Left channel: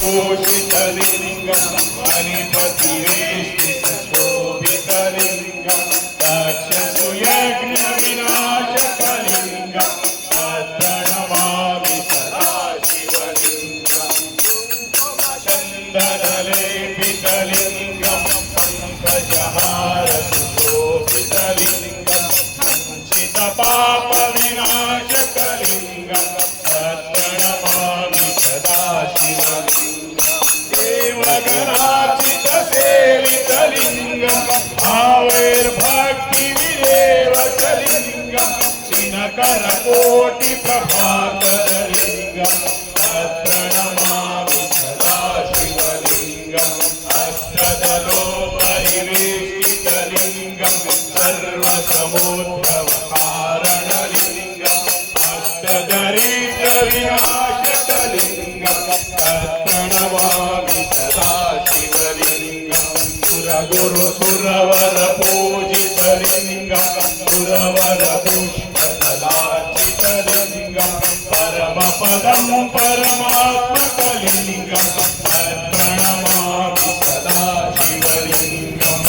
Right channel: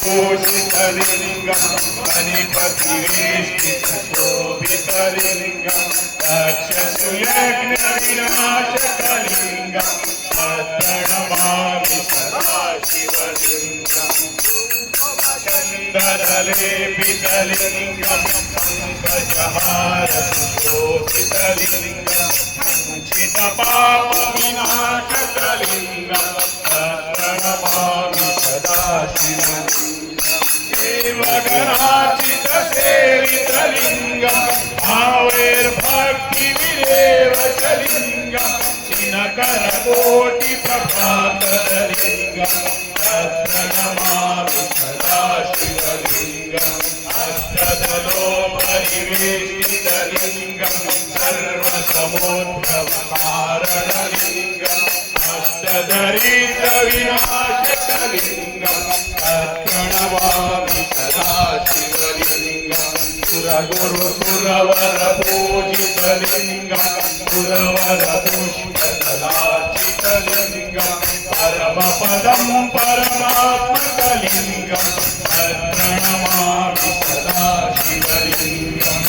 घोषितलिङ्गं मणिपतिवेष्टितशोभितलिङ्गं दक्षसूयज्ञविनाशकलिङ्गं प्रणमामि सदा शिवलिङ्गं चन्दनलेपितलिङ्गं पङ्कजहारशोभितलिङ्गं सञ्चितपापविनाशकलिङ्गं प्रणमामि सदा शिवलिङ्गं देवगणार्चितसेवितलिङ्गं भावैर्भक्तिविरेवचलिङ्गं दिनकरकोटिप्रभातलिङ्गं प्रणमामि सदा शिवलिङ्गम् अष्टदलोपरिवेष्टितलिङ्गं सर्वसमुद्रवकारणलिङ्गम् अष्टदरिद्रविनाशकलिङ्गं प्रणमामि सदा शिवलिङ्गं सुरगुरुसुरवरपूजितलिङ्गं सुरवरपुष्पकलार्चितलिङ्गं परमपदं परमात्मकलिङ्गं प्रणमामि सदा शिवलिङ्गम्